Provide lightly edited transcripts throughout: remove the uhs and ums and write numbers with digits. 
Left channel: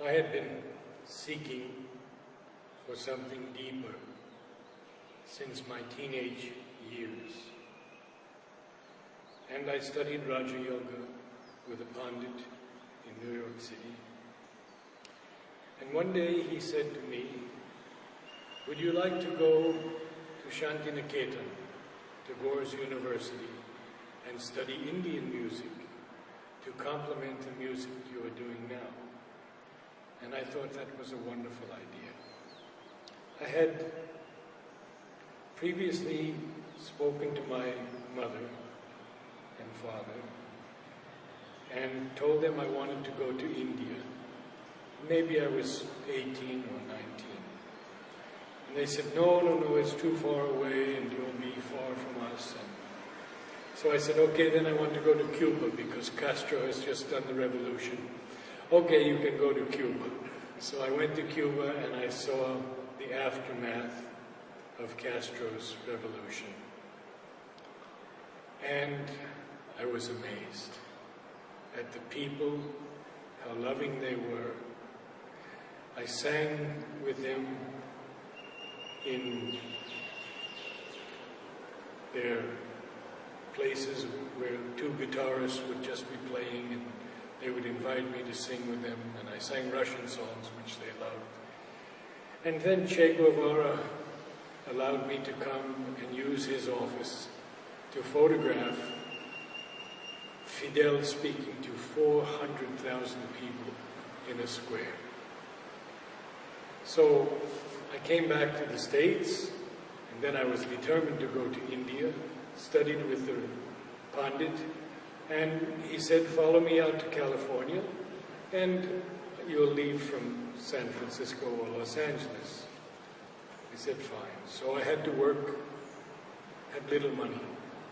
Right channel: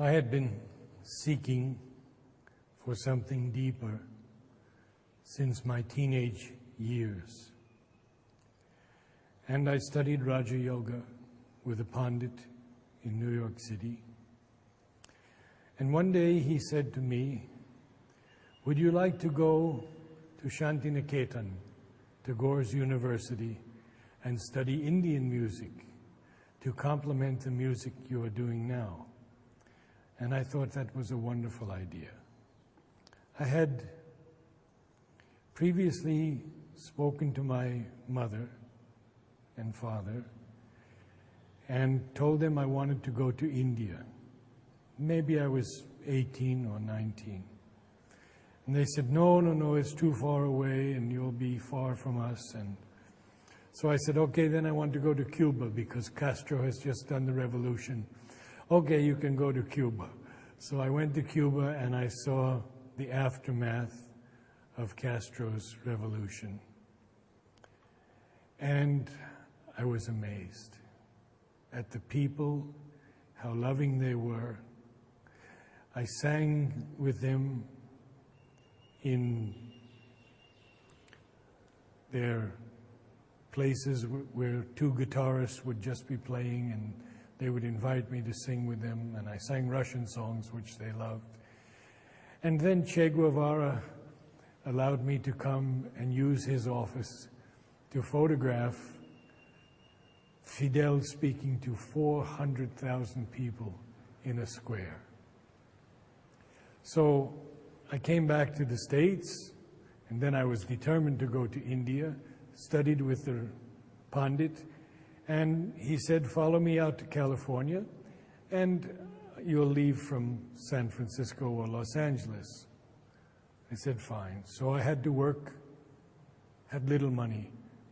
I had been seeking for something deeper since my teenage years. And I studied Raja Yoga with a Pandit in New York City. And one day he said to me, "Would you like to go to Shantiniketan, Tagore's University, and study Indian music to complement the music you are doing now?" And I thought that was a wonderful idea. I had previously spoken to my mother and father and told them I wanted to go to India. Maybe I was 18 or 19. And they said, no, it's too far away and you'll be far from us. And so I said, okay, then I want to go to Cuba because Castro has just done the revolution. Okay, you can go to Cuba. So I went to Cuba and I saw the aftermath of Castro's revolution. And I was amazed at the people, how loving they were. I sang with them in their places where two guitarists would just be playing and they would invite me to sing with them, and I sang Russian songs which they loved. And then Che Guevara allowed me to come and use his office to photograph Fidel speaking to 400,000 people in a square. So I came back to the States, and then I was determined to go to India, studied with the Pandit, and he said, follow me out to California, and you'll leave from San Francisco or Los Angeles. I said, fine. So I had to work, had little money.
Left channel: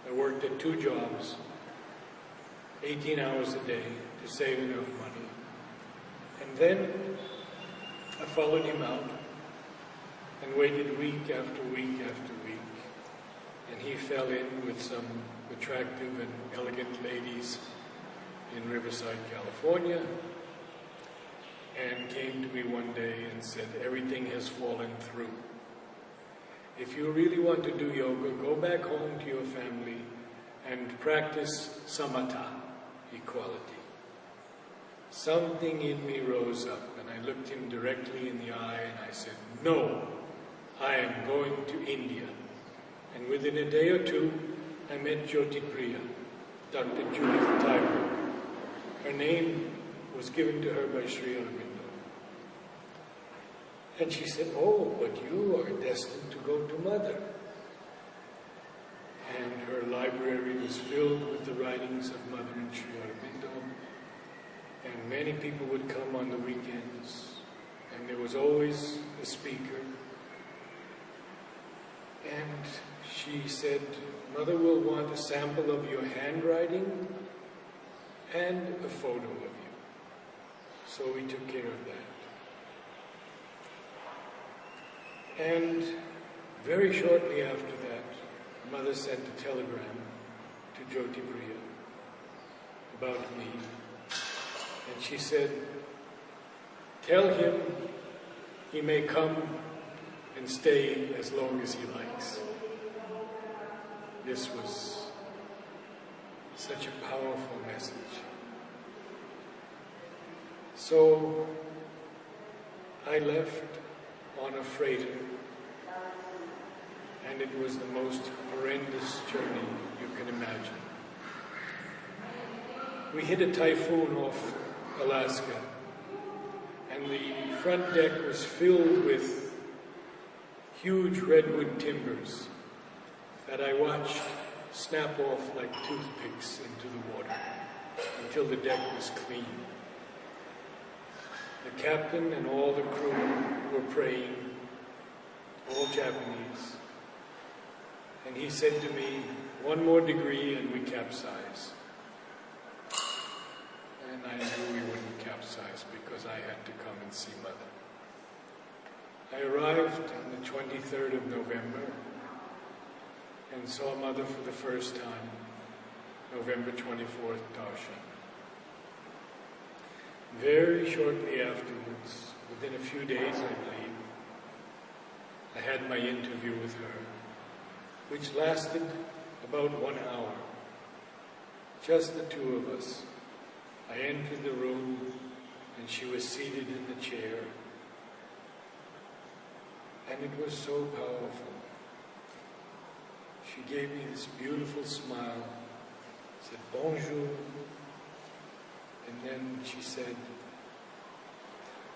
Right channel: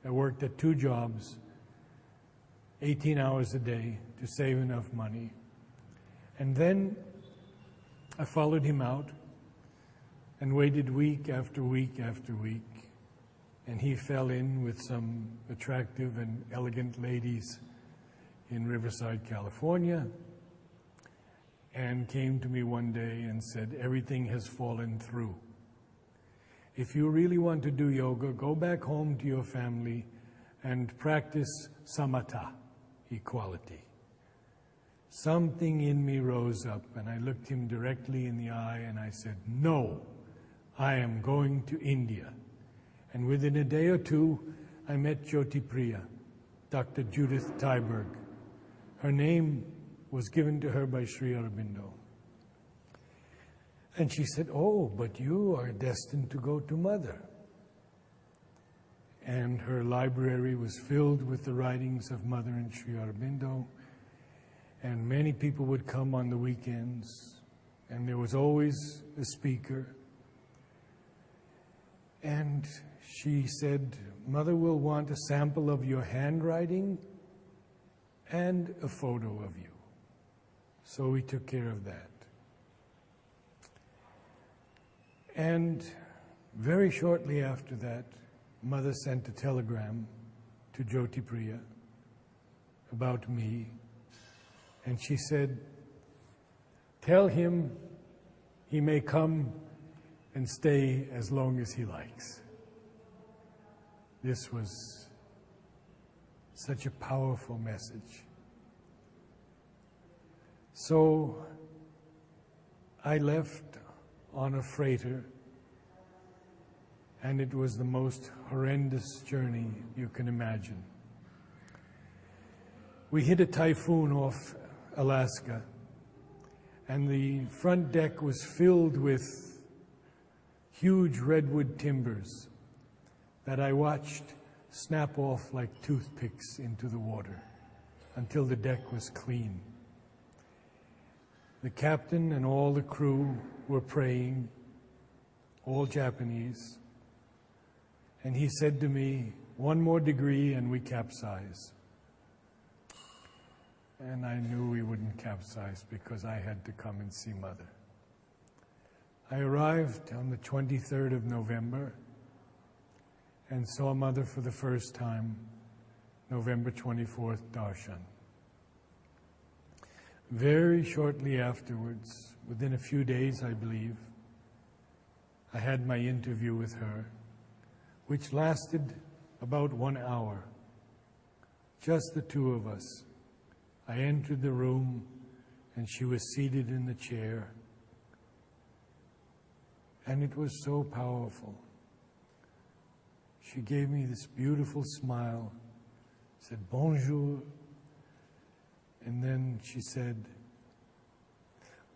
I worked at 2 jobs, 18 hours a day to save enough money. And then I followed him out and waited week after week after week. And he fell in with some attractive and elegant ladies in Riverside, California, and came to me one day and said, everything has fallen through. If you really want to do yoga, go back home to your family and practice samatha, equality. Something in me rose up, and I looked him directly in the eye and I said, no, I am going to India. And within a day or two, I met Jyoti Priya, Dr. Judith Tyberg. Her name was given to her by Sri Aurobindo. And she said, oh, but you are destined to go to Mother. And her library was filled with the writings of Mother and Sri Aurobindo. And many people would come on the weekends. And there was always a speaker. And she said, Mother will want a sample of your handwriting and a photo of you. So we took care of that. And very shortly after that, Mother sent a telegram to Jyoti Priya about me. And she said, tell him he may come and stay as long as he likes. This was such a powerful message. So I left on a freighter, and it was the most horrendous journey you can imagine. We hit a typhoon off Alaska, and the front deck was filled with huge redwood timbers that I watched snap off like toothpicks into the water until the deck was clean. The captain and all the crew were praying, all Japanese, and he said to me, 1 more degree and we capsize. And I knew we wouldn't capsize because I had to come and see Mother. I arrived on the 23rd of November and saw Mother for the first time, November 24th, Darshan. Very shortly afterwards, within a few days I believe, I had my interview with her, which lasted about 1 hour. Just the two of us. I entered the room and she was seated in the chair. And it was so powerful. She gave me this beautiful smile, said bonjour, and then she said,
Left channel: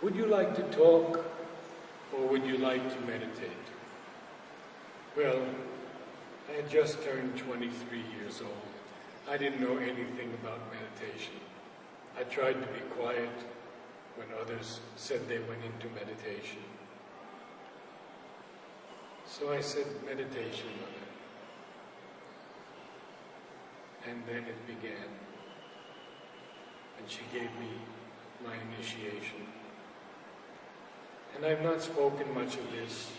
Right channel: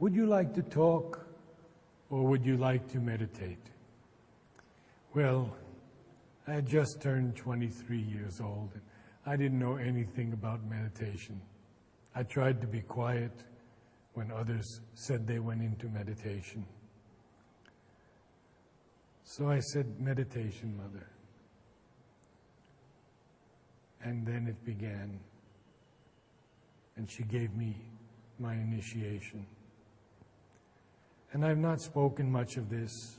would you like to talk or would you like to meditate? Well, I had just turned 23 years old. I didn't know anything about meditation. I tried to be quiet when others said they went into meditation. So I said, meditation, Mother. And then it began. And she gave me my initiation. And I've not spoken much of this,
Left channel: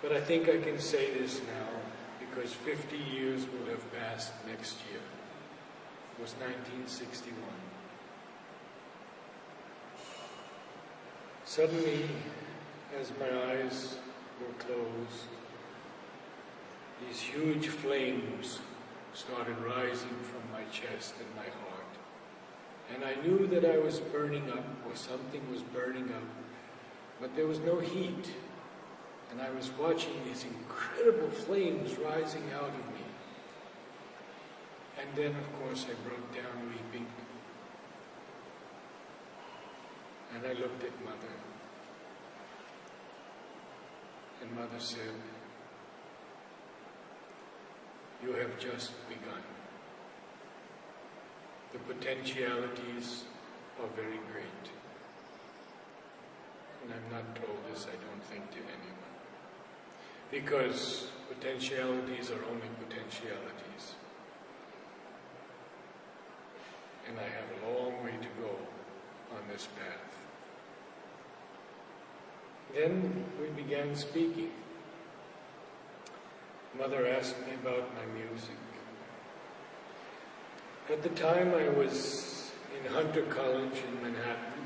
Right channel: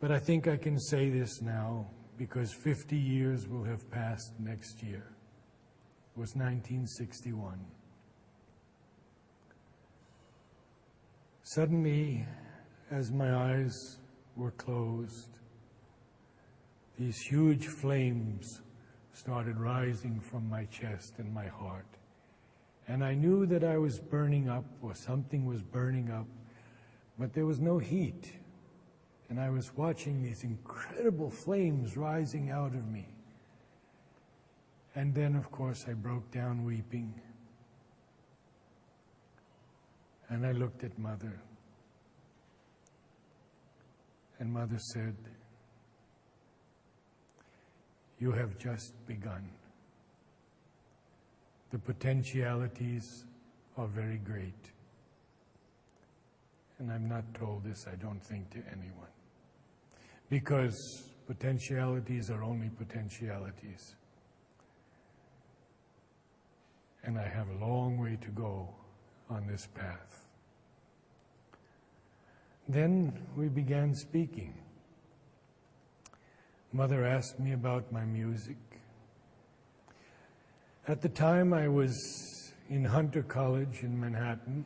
but I think I can say this now because 50 years will have passed next year. It was 1961. Suddenly, as my eyes were closed, these huge flames started rising from my chest and my heart. And I knew that I was burning up, or something was burning up, but there was no heat. And I was watching these incredible flames rising out of me. And then, of course, I broke down weeping. And I looked at Mother. And Mother said, you have just begun. The potentialities are very great. And I'm not told this, I don't think, to anyone. Because potentialities are only potentialities. And I have a long way to go on this path. Then we began speaking. Mother asked me about my music. At the time I was in Hunter College in Manhattan,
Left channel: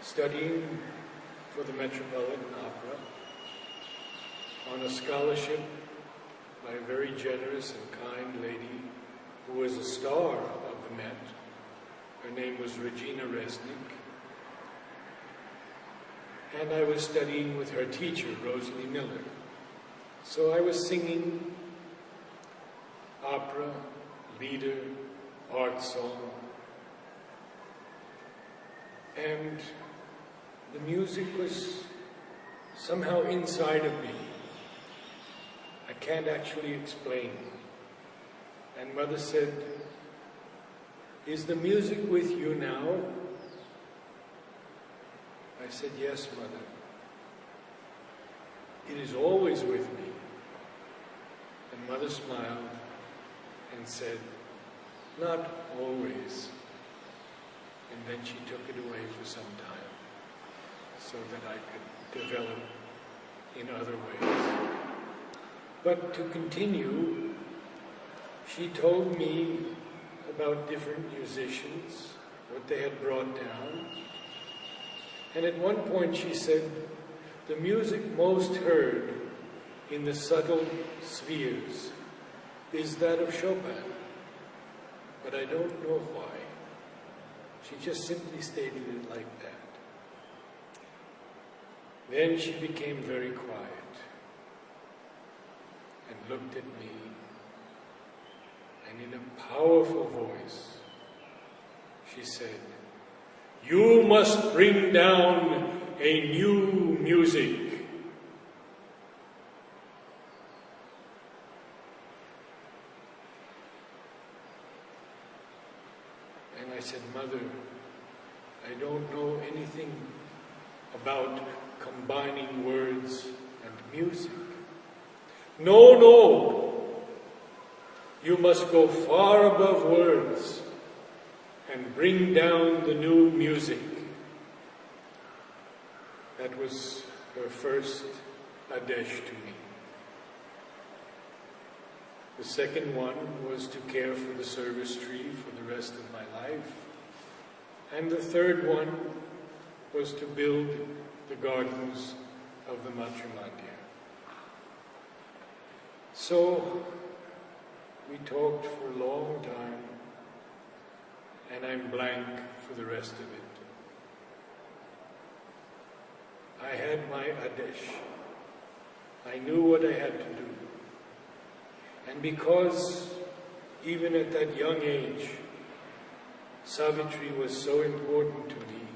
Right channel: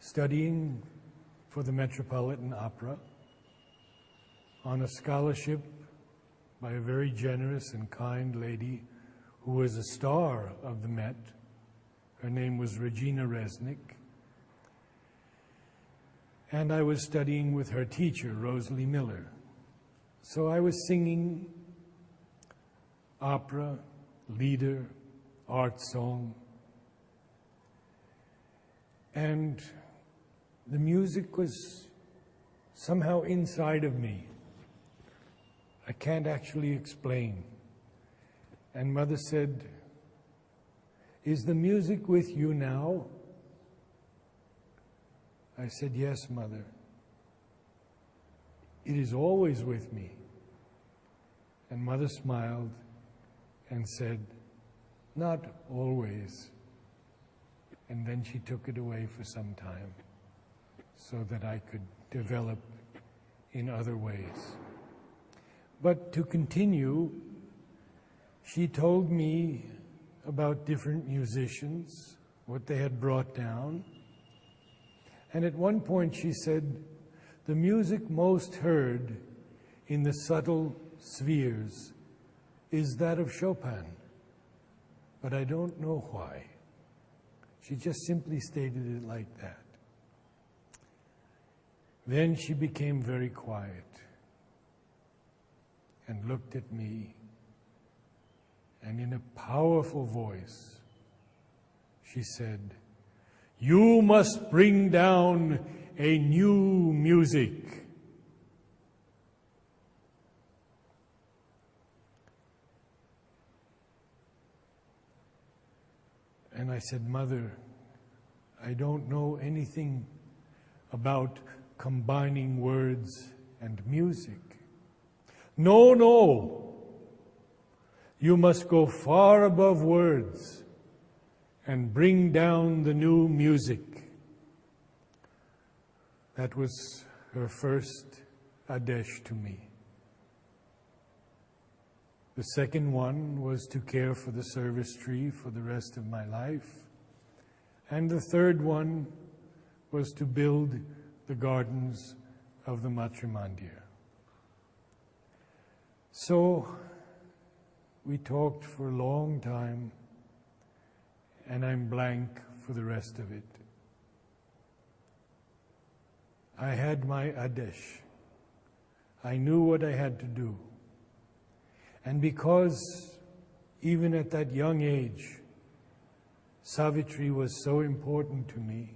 studying for the Metropolitan Opera on a scholarship by a very generous and kind lady who was a star of the Met. Her name was Regina Resnick. And I was studying with her teacher, Rosalie Miller. So I was singing opera, lieder, art song, and the music was somehow inside of me. I can't actually explain. And Mother said, is the music with you now? I said, yes, Mother. It is always with me. And Mother smiled and said, not always. And then she took it away for some time so that I could develop in other ways. But to continue, she told me about different musicians, what they had brought down. And at one point she said, the music most heard in the subtle spheres is that of Chopin, but I don't know why. She just simply stated it like that. Then she became very quiet and looked at me, and in a powerful voice, she said, you must bring down a new music. And I said, Mother, I don't know anything about combining words and music. No, no. You must go far above words and bring down the new music. That was her first Adesh to me. The second one was to care for the service tree for the rest of my life. And the third one was to build the gardens of the Matrimandir. So we talked for a long time, and I'm blank for the rest of it. I had my Adesh. I knew what I had to do. And because even at that young age, Savitri was so important to me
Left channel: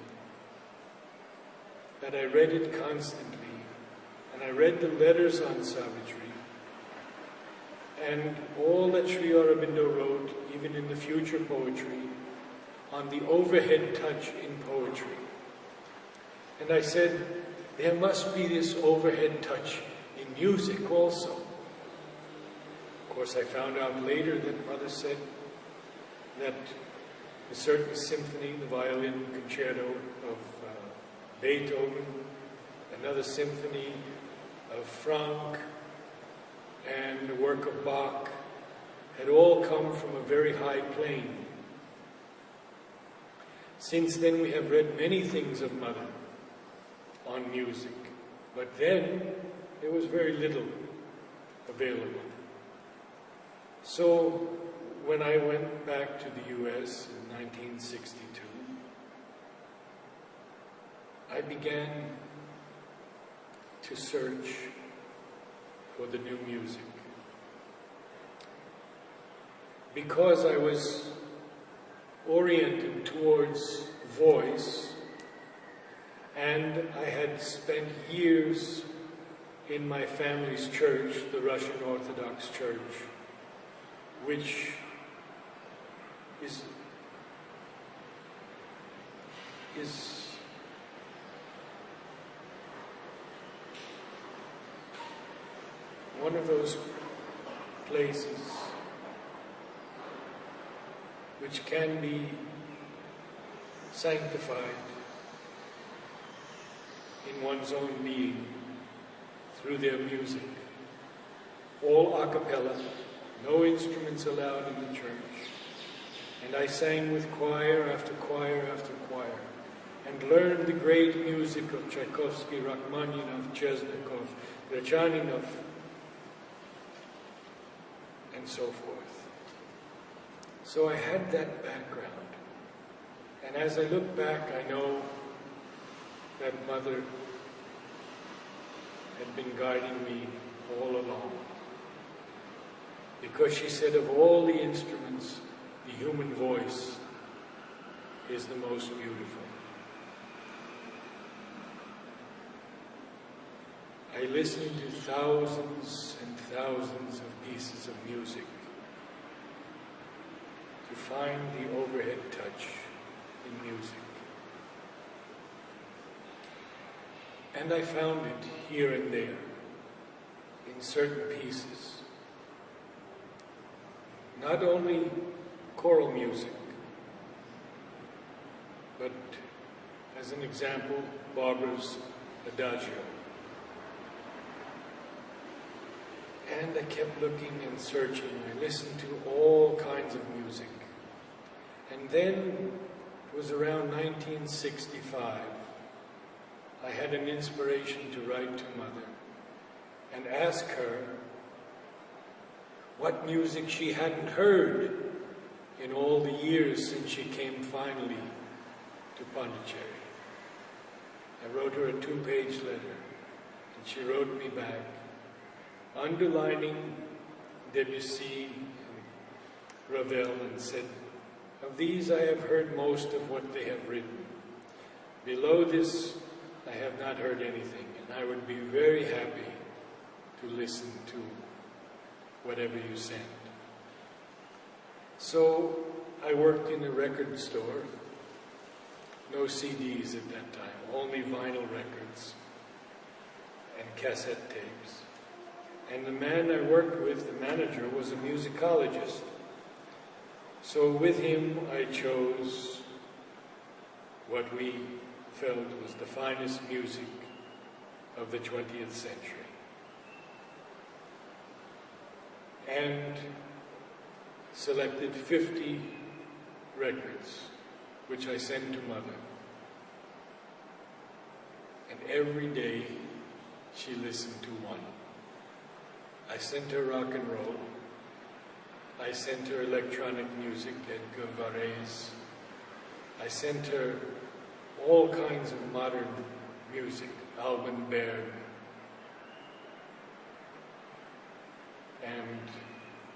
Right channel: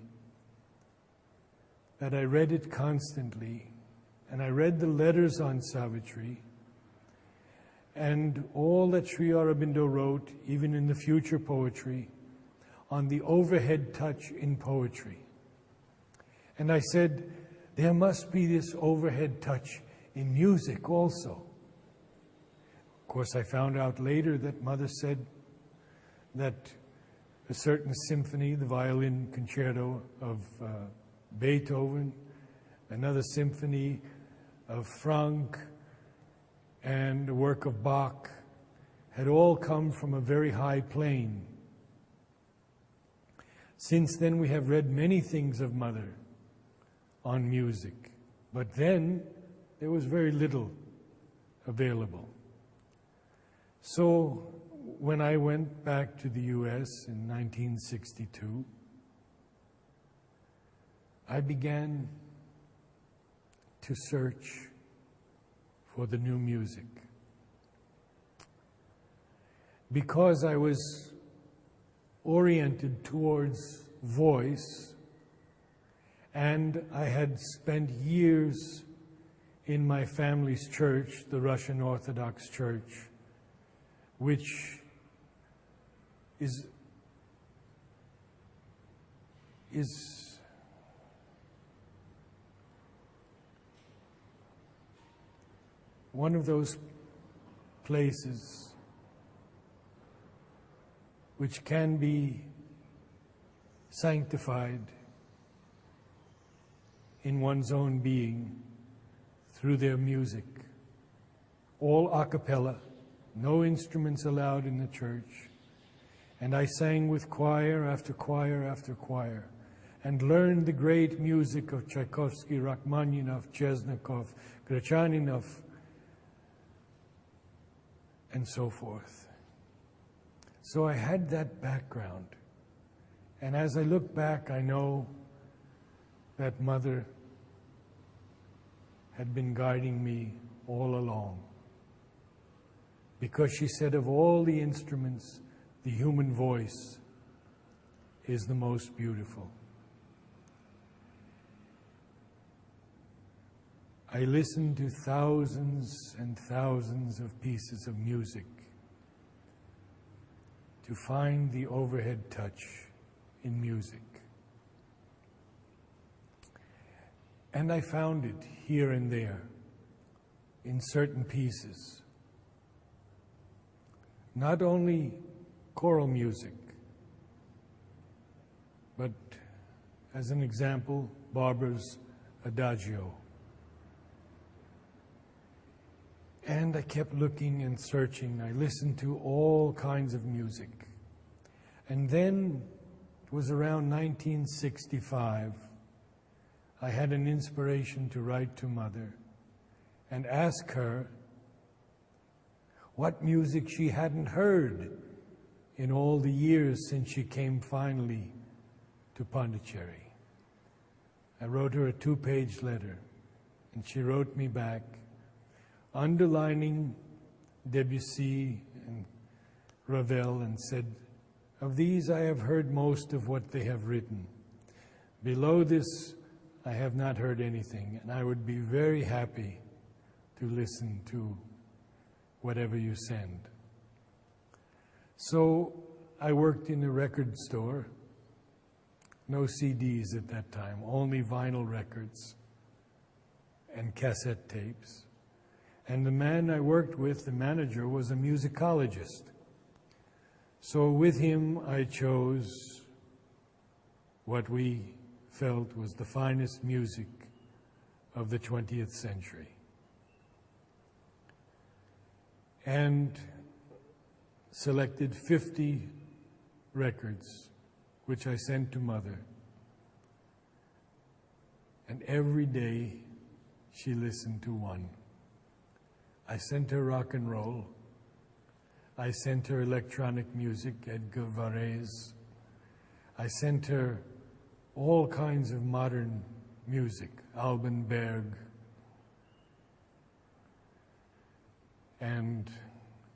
that I read it constantly, and I read the letters on Savitri, and all that Sri Aurobindo wrote, even in the future poetry, on the overhead touch in poetry. And I said, there must be this overhead touch in music also. Of course, I found out later that Mother said that a certain symphony, the violin concerto of Beethoven, another symphony of Franck, and a work of Bach had all come from a very high plane. Since then we have read many things of Mother on music, but then there was very little available. So when I went back to the US in 1962, I began to search for the new music. Because I was oriented towards voice, and I had spent years in my family's church, the Russian Orthodox Church, which is one of those places which can be sanctified in one's own being through their music. All a cappella, no instruments allowed in the church. And I sang with choir after choir after choir, and learned the great music of Tchaikovsky, Rachmaninoff, Chesnikov, Grachaninov, and so forth. So I had that background. And as I look back, I know that Mother had been guiding me all along. Because she said of all the instruments, the human voice is the most beautiful. I listened to thousands and thousands of pieces of music to find the overhead touch in music. And I found it here and there in certain pieces. Not only choral music, but as an example, Barbara's Adagio. And I kept looking and searching. I listened to all kinds of music. And then it was around 1965, I had an inspiration to write to Mother and ask her what music she hadn't heard in all the years since she came finally to Pondicherry. I wrote her a 2-page letter, and she wrote me back, underlining Debussy and Ravel, and said, "Of these I have heard most of what they have written. Below this, I have not heard anything, and I would be very happy to listen to whatever you send." So I worked in a record store. No CDs at that time, only vinyl records and cassette tapes. And the man I worked with, the manager, was a musicologist. So with him I chose what we felt was the finest music of the 20th century. and selected 50 records, which I sent to Mother. And every day she listened to one. I sent her rock and roll. I sent her electronic music, Edgar Varese. I sent her all kinds of modern music, Alban Berg, and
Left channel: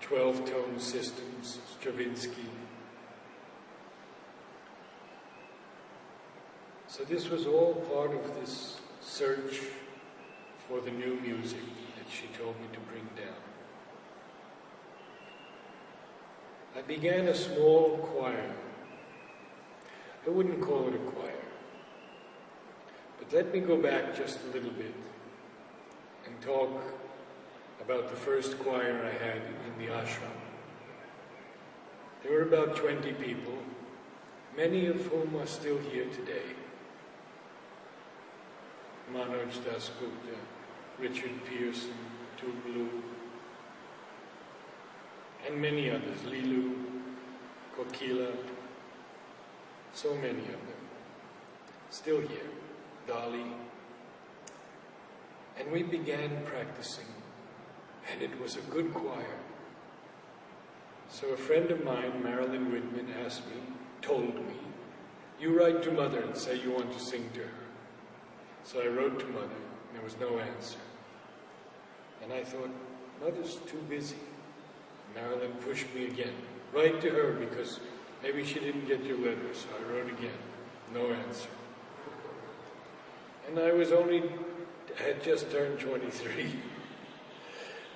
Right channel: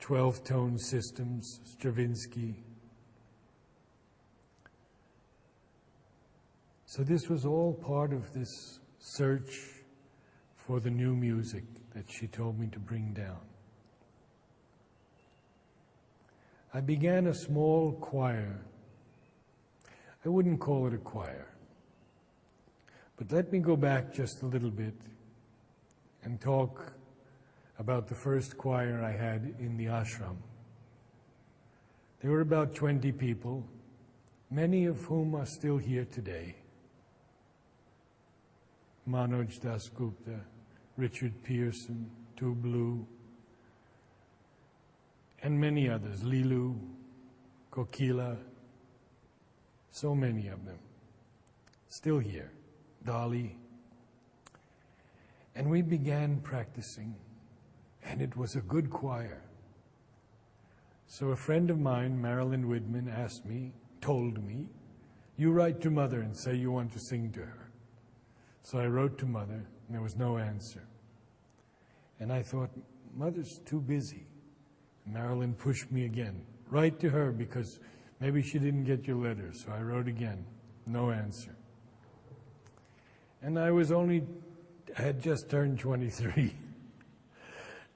12-tone systems, Stravinsky. So this was all part of this search for the new music that she told me to bring down. I began a small choir. I wouldn't call it a choir. But let me go back just a little bit and talk about the first choir I had in the ashram. There were about 20 people, many of whom are still here today. Manoj Dasgupta, Richard Pearson, Tublu, and many others, Lilu, Kokila, so many of them, still here, Dali. And we began practicing, and it was a good choir. So a friend of mine, Marilyn Widman, told me, you write to Mother and say you want to sing to her. So I wrote to Mother, and there was no answer. And I thought, Mother's too busy. Marilyn pushed me again. Write to her, because maybe she didn't get your letter. So I wrote again. No answer. And I had just turned 23.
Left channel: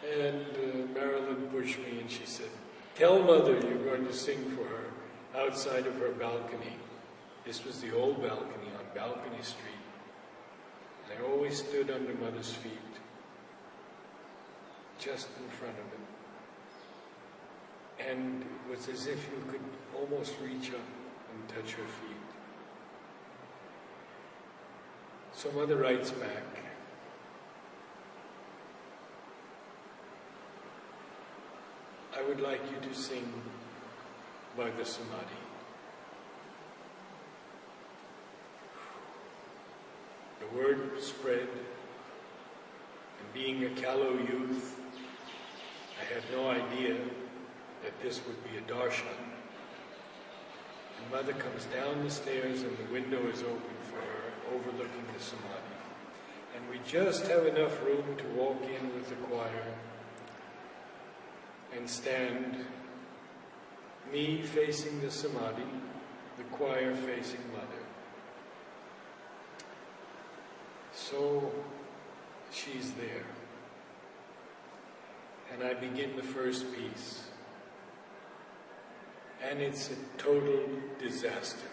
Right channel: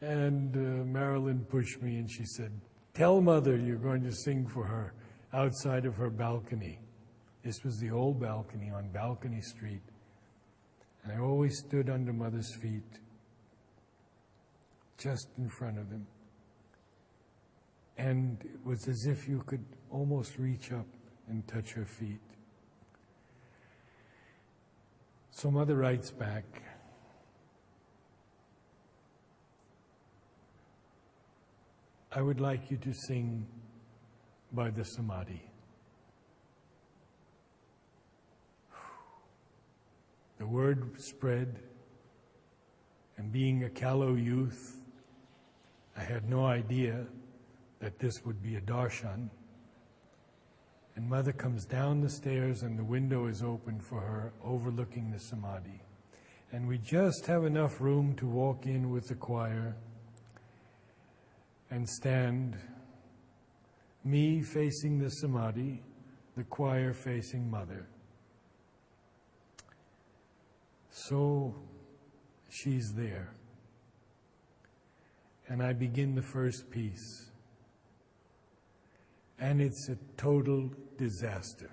And Marilyn pushed me and she said, tell Mother you're going to sing for her outside of her balcony. This was the old balcony on Balcony Street. And I always stood under Mother's feet, just in front of him. And it was as if you could almost reach up and touch her feet. So Mother writes back, I would like you to sing by the Samadhi. The word spread, and being a callow youth, I had no idea that this would be a darshan. And Mother comes down the stairs and the window is open for her, overlooking the Samadhi. And we just have enough room to walk in with the choir and stand, me facing the Samadhi, the choir facing Mother. So she's there. And I begin the first piece. And it's a total disaster.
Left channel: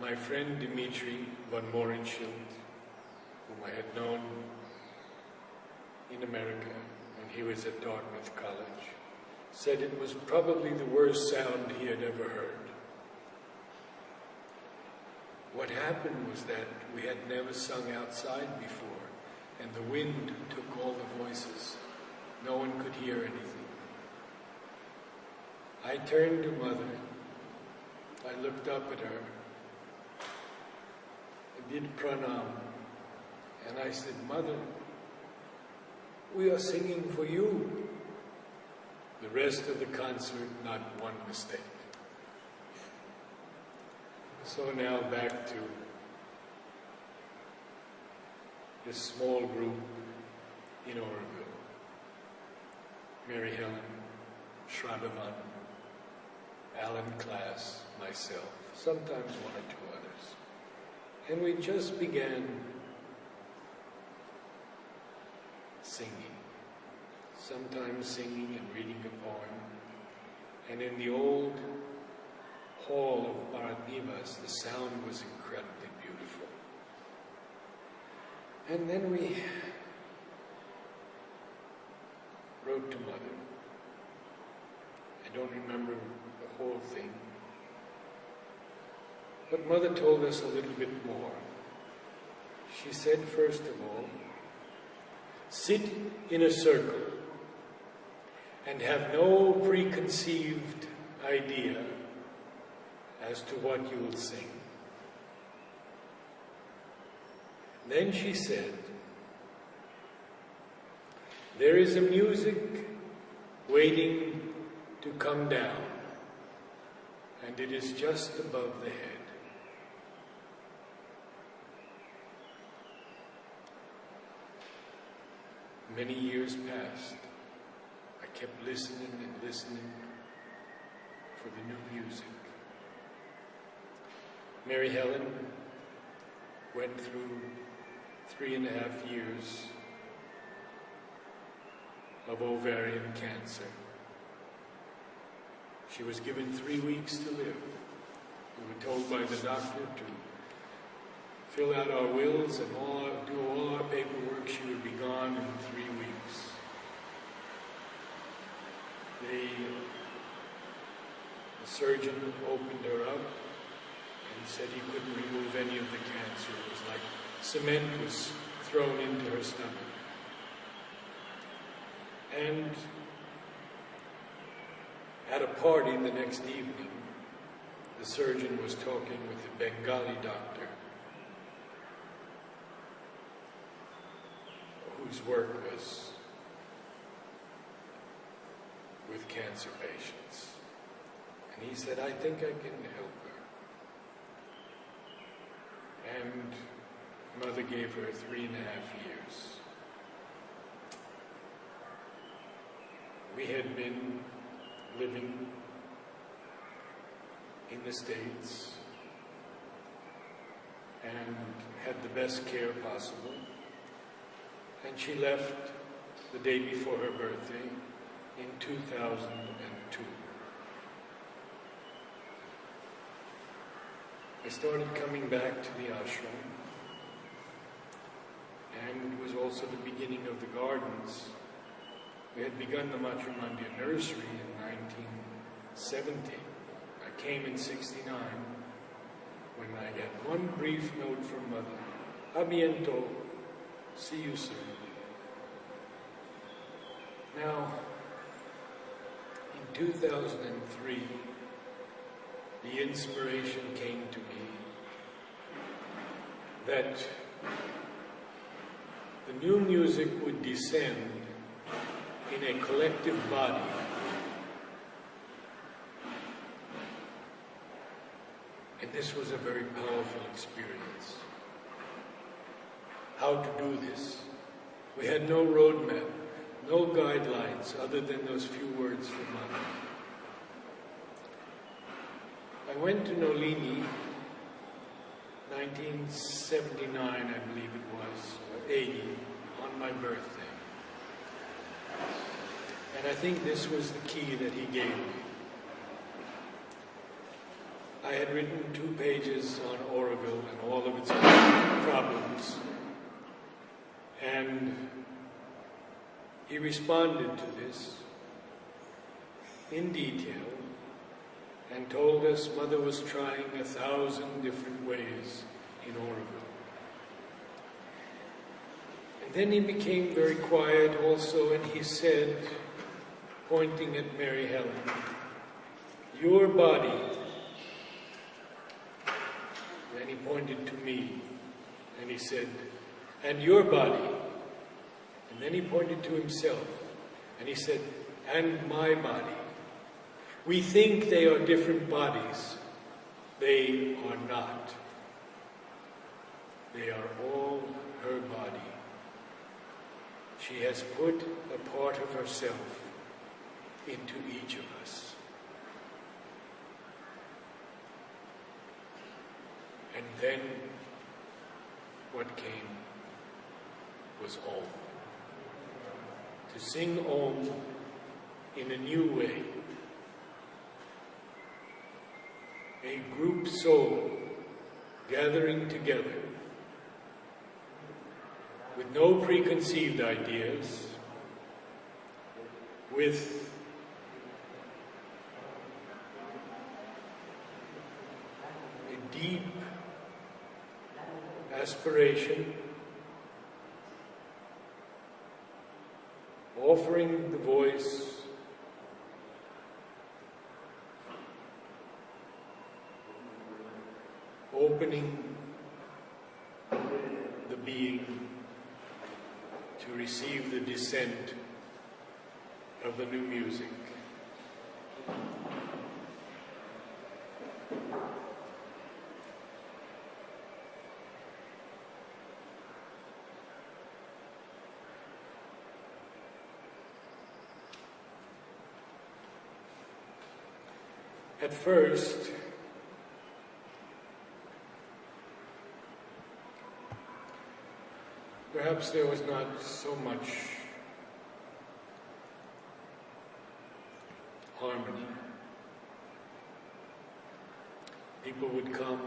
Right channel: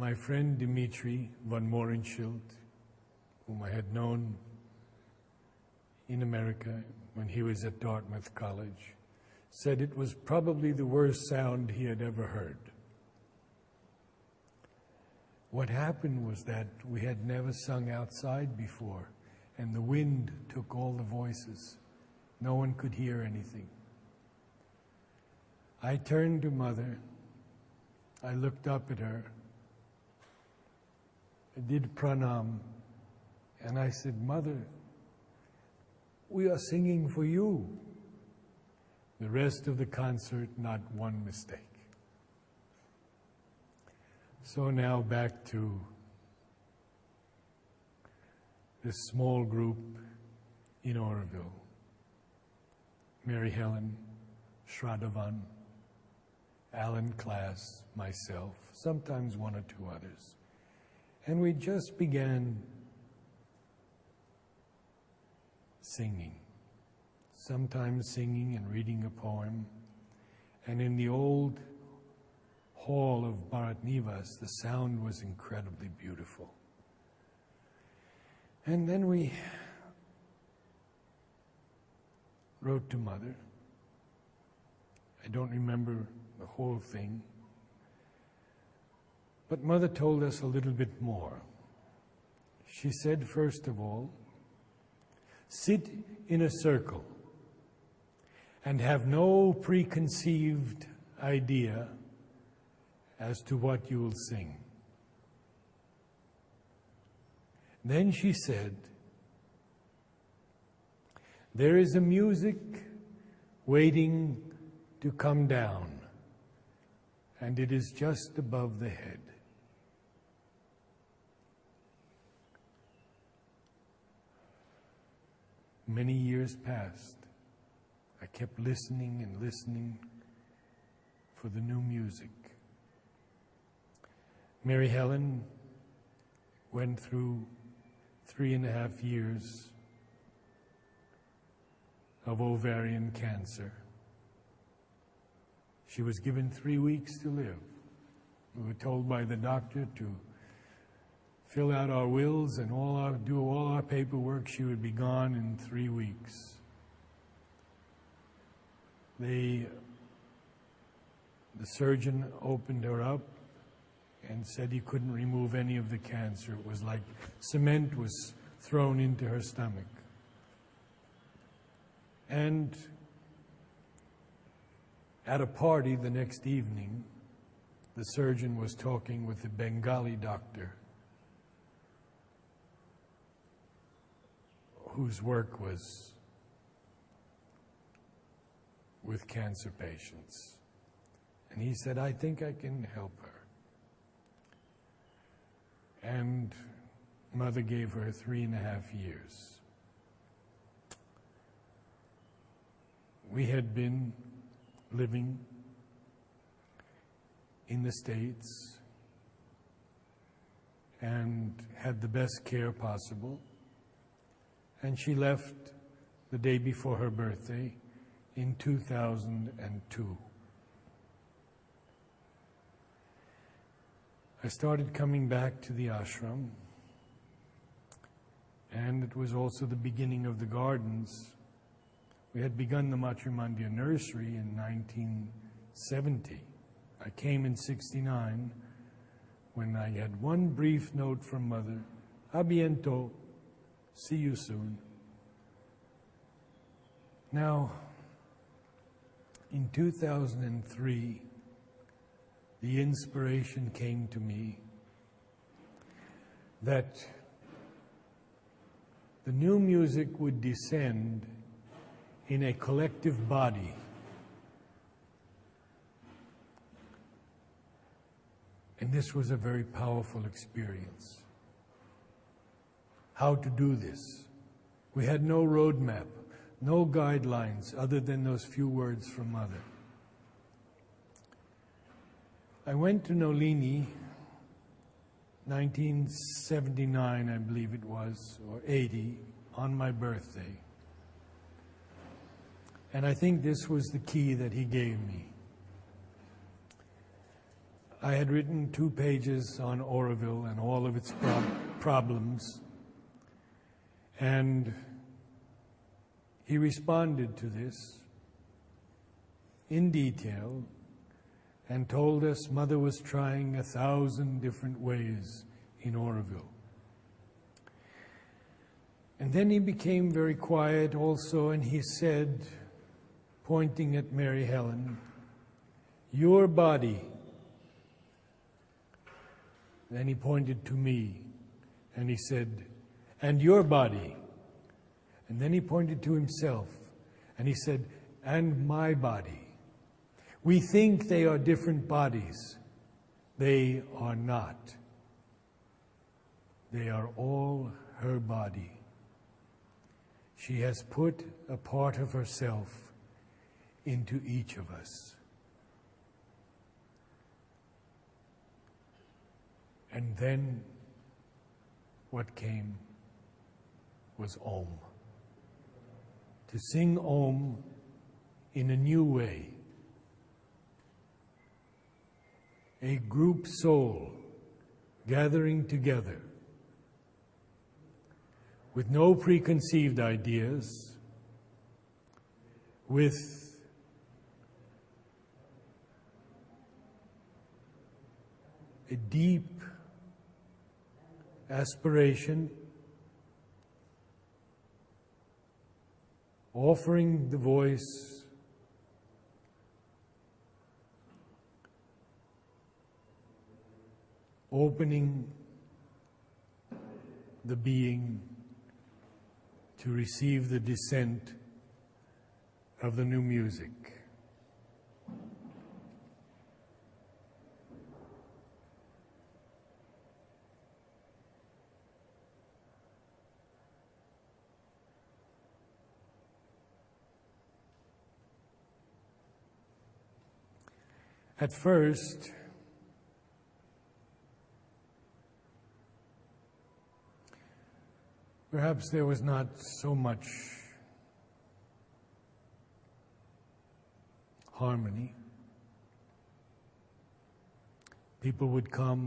My friend Dimitri von Mohrenschildt, whom I had known in America when he was at Dartmouth College, said it was probably the worst sound he had ever heard. What happened was that we had never sung outside before, and the wind took all the voices. No one could hear anything. I turned to Mother, I looked up at her, I did pranam, and I said, Mother, we are singing for you. The rest of the concert, not one mistake. So now back to this small group in Oroville. Mary Helen, Shraddhavan, Alan Klass, myself, sometimes one or two others. And we just began singing. Sometimes singing and reading a poem. And in the old hall of Bharat Nivas, the sound was incredibly beautiful. And then we wrote to Mother. I don't remember the whole thing. But Mother told us a little bit more. She said, first of all, sit in a circle and have no preconceived idea as to what you will sing. Then she said, there is a music waiting to come down, and it is just above the head. Many years passed. I kept listening and listening for the new music. Mary Helen went through 3.5 years of ovarian cancer. She was given 3 weeks to live. We were told by the doctor to fill out our wills and do all our paperwork. She would be gone in 3 weeks. The surgeon opened her up and said he couldn't remove any of the cancer. It was like cement was thrown into her stomach. And at a party the next evening, the surgeon was talking with the Bengali doctor whose work was with cancer patients. And he said, I think I can help her. And Mother gave her 3.5 years. We had been living in the States and had the best care possible. And she left the day before her birthday in 2002. I started coming back to the ashram, and it was also the beginning of the gardens. We had begun the Matrimandir nursery in 1970. I came in 69 when I had one brief note from Mother, "A biento, see you soon." Now, in 2003, the inspiration came to me that the new music would descend in a collective body. And this was a very powerful experience. How to do this? We had no roadmap, no guidelines other than those few words from Mother. I went to Nolini, 1979, I believe it was, or 80, on my birthday. And I think this was the key that he gave me. I had written 2 pages on Auroville and all of its problems, and he responded to this in detail and told us Mother was trying 1,000 different ways in Auroville. And then he became very quiet also, and he said, pointing at Mary Helen, "Your body." Then he pointed to me, and he said, "And your body." And then he pointed to himself, and he said, "And my body." We think they are different bodies. They are not. They are all her body. She has put a part of herself into each of us. And then what came was Om. To sing Om in a new way. A group soul gathering together with no preconceived ideas, with a deep aspiration, offering the voice opening the being to receive the descent of the new music. At first, perhaps there was not so much harmony. People would come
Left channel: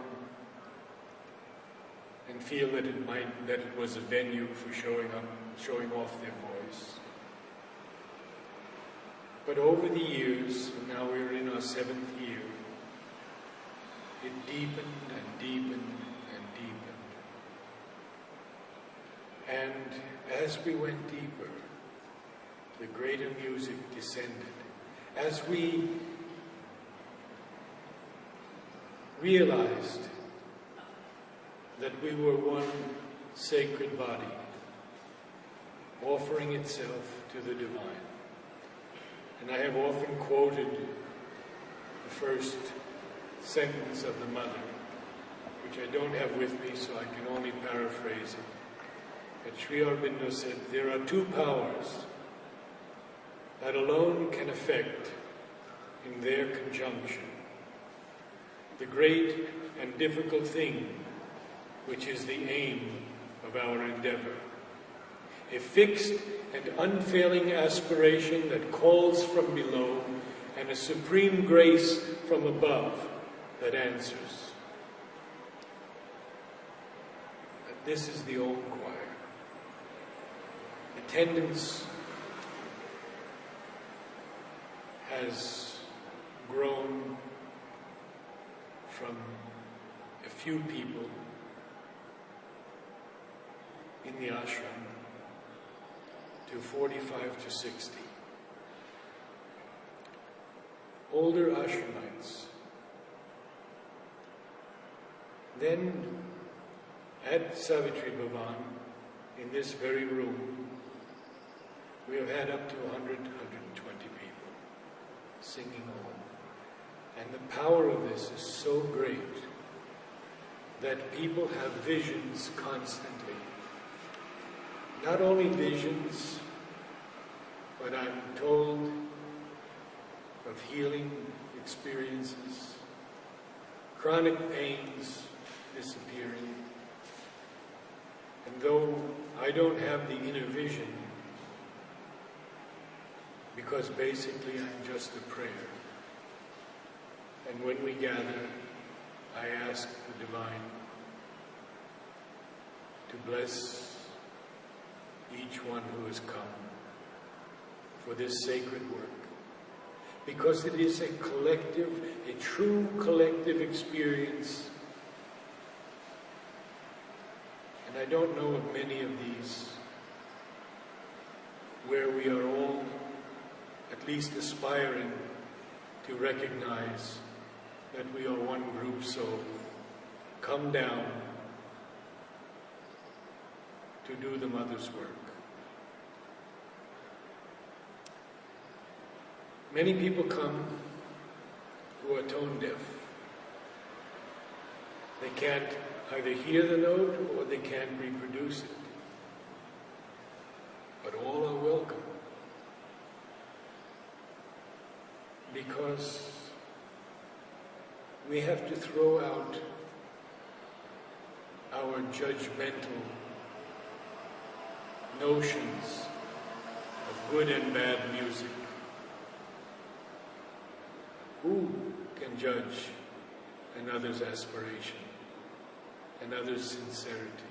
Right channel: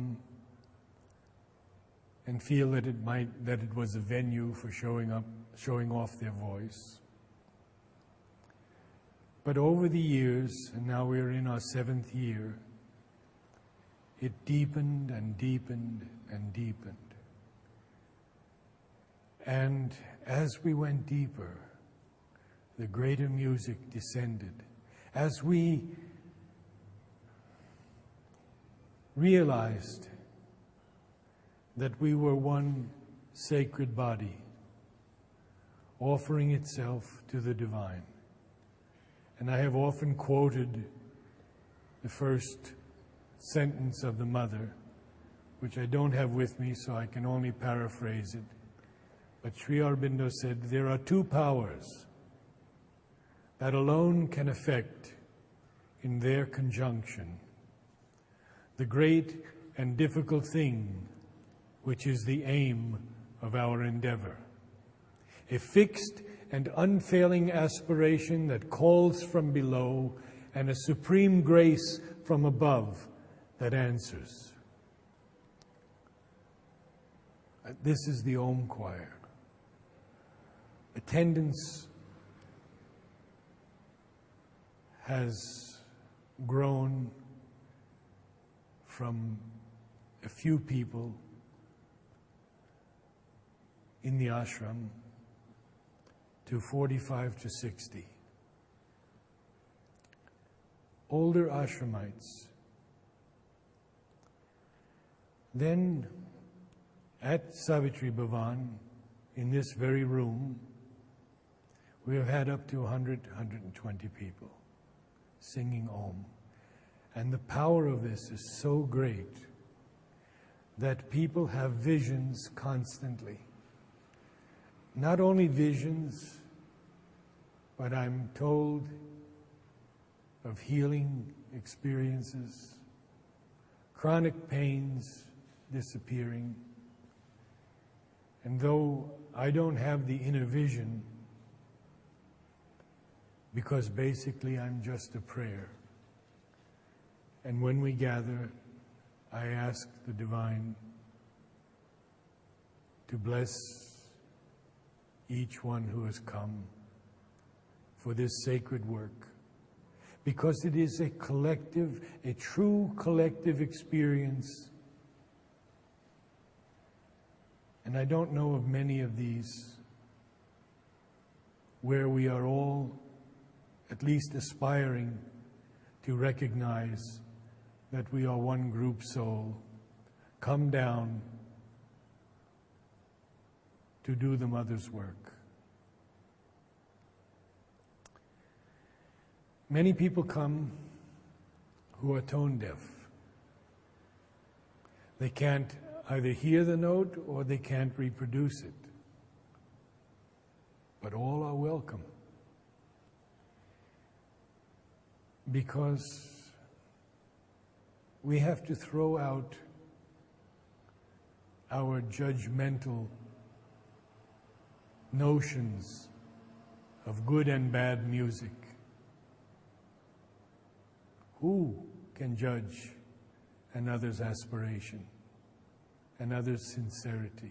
and feel that it was a venue for showing off their voice. But over the years, and now we're in our 7th year, it deepened and deepened and deepened. And as we went deeper, the greater music descended. As we realized that we were one sacred body, offering itself to the divine. And I have often quoted the first sentence of the Mother, which I don't have with me, so I can only paraphrase it. But Sri Aurobindo said, there are 2 powers that alone can effect, in their conjunction, the great and difficult thing which is the aim of our endeavor. A fixed and unfailing aspiration that calls from below, and a supreme grace from above that answers. This is the Om Choir. Attendance has grown from a few people in the ashram to 45 to 60. Older ashramites. Then at Savitri Bhavan, in this very room, we have had up to 100, 120 people singing Om. And the power of this is so great that people have visions constantly. Not only visions, but I'm told of healing experiences, chronic pains disappearing. And though I don't have the inner vision, because basically I'm just a prayer. And when we gather, I ask the Divine to bless each one who has come for this sacred work, because it is a collective, a true collective experience. And I don't know of many of these where we are all at least aspiring to recognize that we are one group soul, come down to do the Mother's work. Many people come who are tone deaf. They can't either hear the note or they can't reproduce it. But all are welcome, because we have to throw out our judgmental notions of good and bad music. Who can judge another's aspiration, another's sincerity?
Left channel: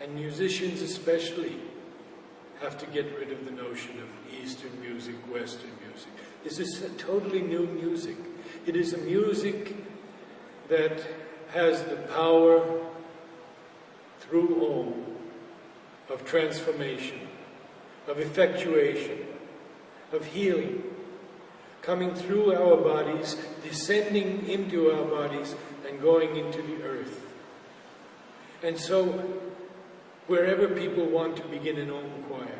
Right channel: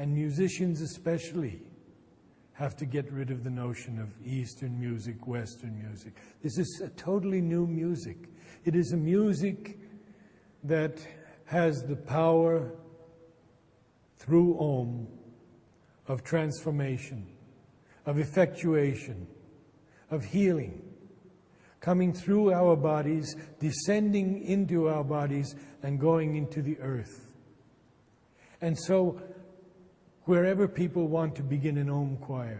And musicians especially have to get rid of the notion of Eastern music, Western music. This is a totally new music. It is a music that has the power through Om of transformation, of effectuation, of healing, coming through our bodies, descending into our bodies, and going into the earth. And so, wherever people want to begin an Om choir,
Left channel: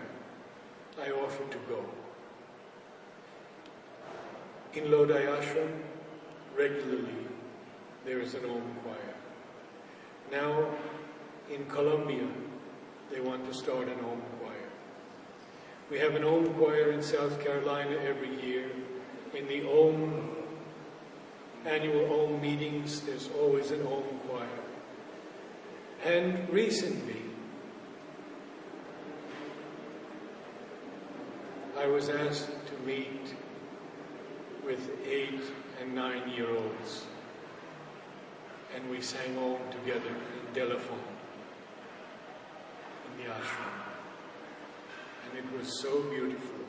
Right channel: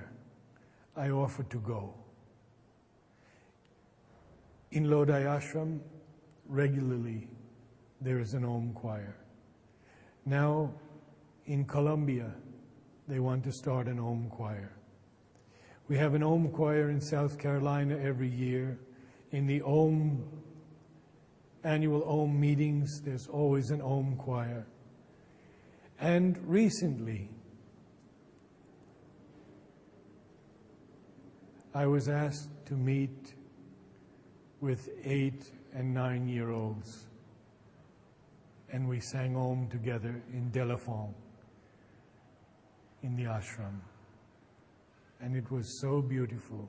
I offer to go. In Lodi Ashram, regularly, there is an Om choir. Now, in Colombia, they want to start an Om choir. We have an Om choir in South Carolina every year. In the annual Om meetings, there's always an Om choir. And recently, I was asked to meet with 8- and 9-year-olds, and we sang Om together in Delafon, in the ashram, and it was so beautiful.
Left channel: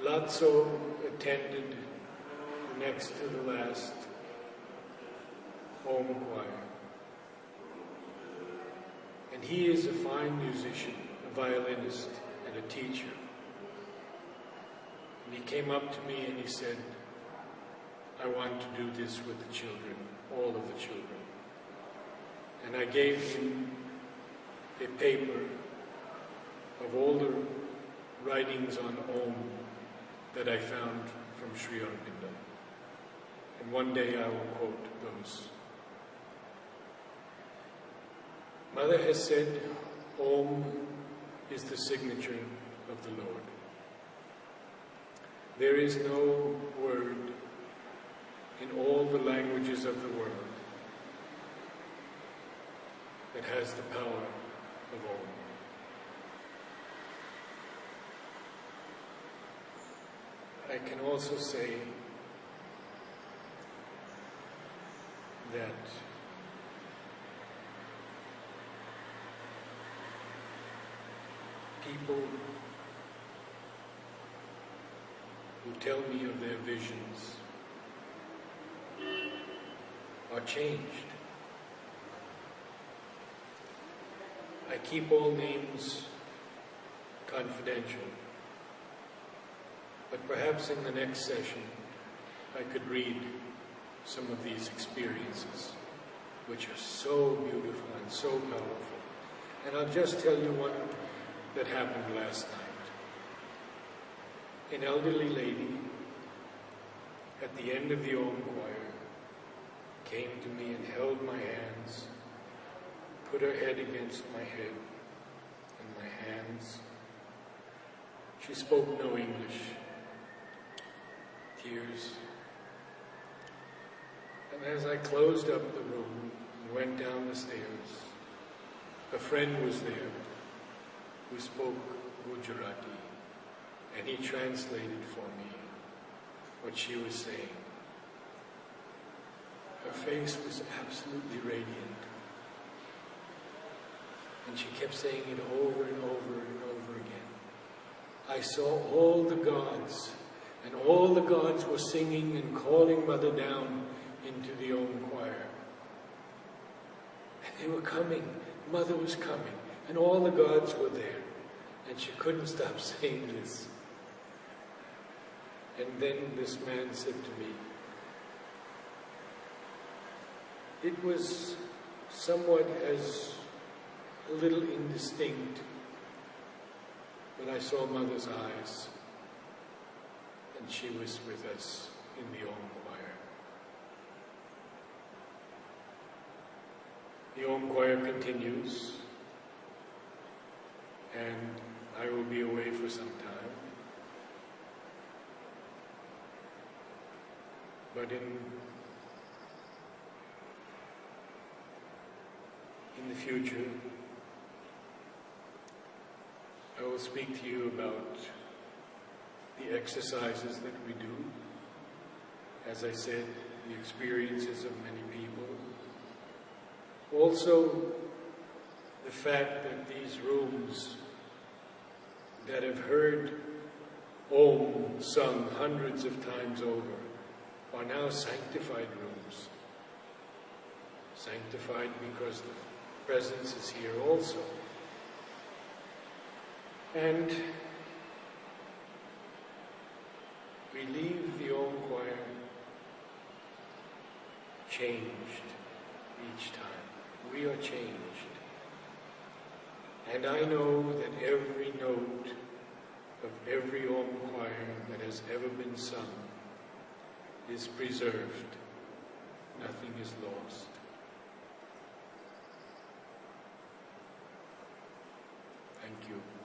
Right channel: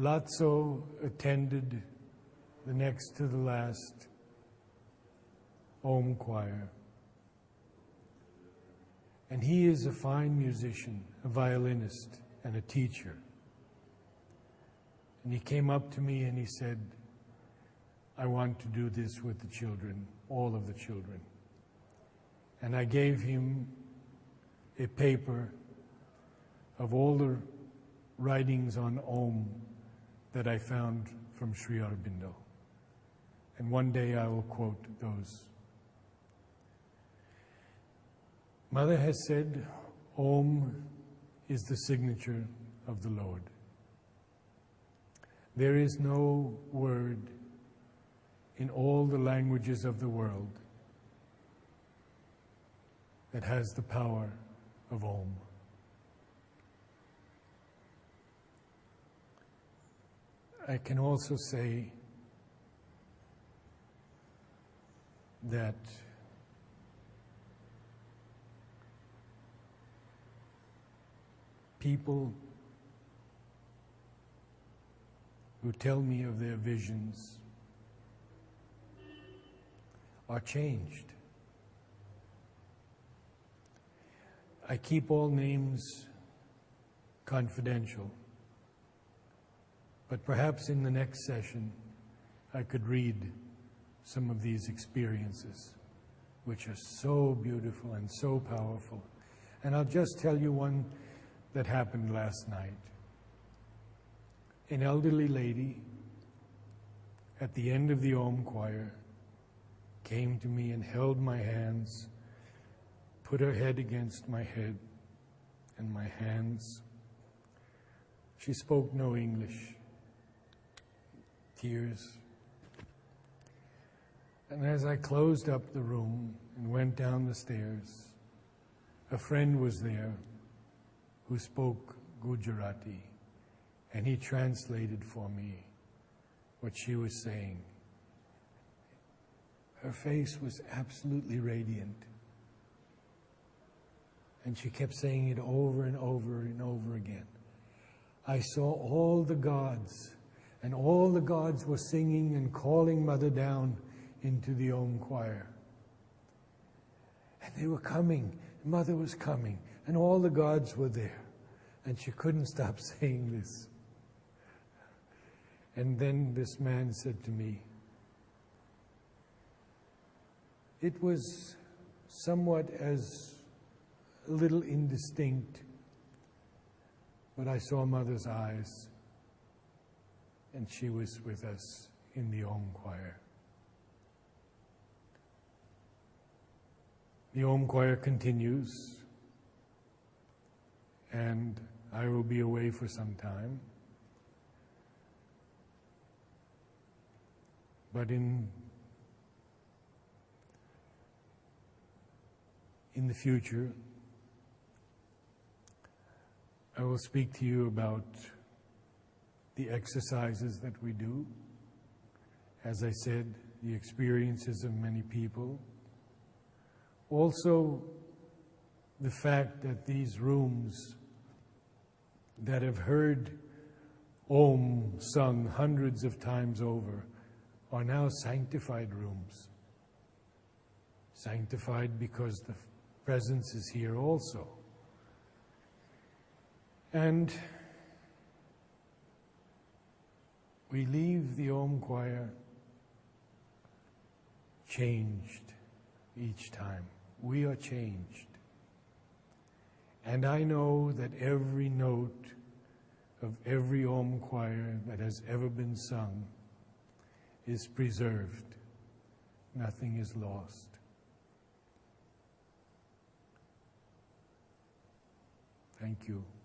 Lazzo attended the next to the last Om choir, and he is a fine musician, a violinist, and a teacher. And he came up to me and he said, I want to do this with the children, all of the children. And I gave him a paper of all the writings on Om that I found from Sri Aurobindo. And one day I will quote those. Mother has said, Om is the signature of the Lord. There is no word in all the languages of the world that has the power of Om. I can also say that people who tell me of their visions are changed. I keep all names confidential, but perhaps in the next session I could read some of these experiences, which are so beautiful and so powerful. And I'll just tell you one that happened last night. An elderly lady at the end of the Om choir came to me and held my hands, put her head against my head and my hands. She spoke no English. Tears. And as I closed up the room and went down the stairs, a friend was there who spoke Gujarati, and he translated for me what she was saying. Her face was absolutely radiant, and she kept saying it over and over and over again. I saw all the gods, and all the gods were singing and calling Mother down into the Om choir. And they were coming, Mother was coming, and all the gods were there. And she couldn't stop saying this. And then this man said to me, it was somewhat as a little indistinct, but I saw Mother's eyes, and she was with us in the Om choir. The Om choir continues, and I will be away for some time. But in the future, I will speak to you about the exercises that we do. As I said, the experiences of many people. Also, the fact that these rooms that have heard Om sung hundreds of times over are now sanctified rooms. Sanctified because the presence is here also. And we leave the Om choir changed each time. We are changed. And I know that every note of every Om choir that has ever been sung is preserved. Nothing is lost. Thank you.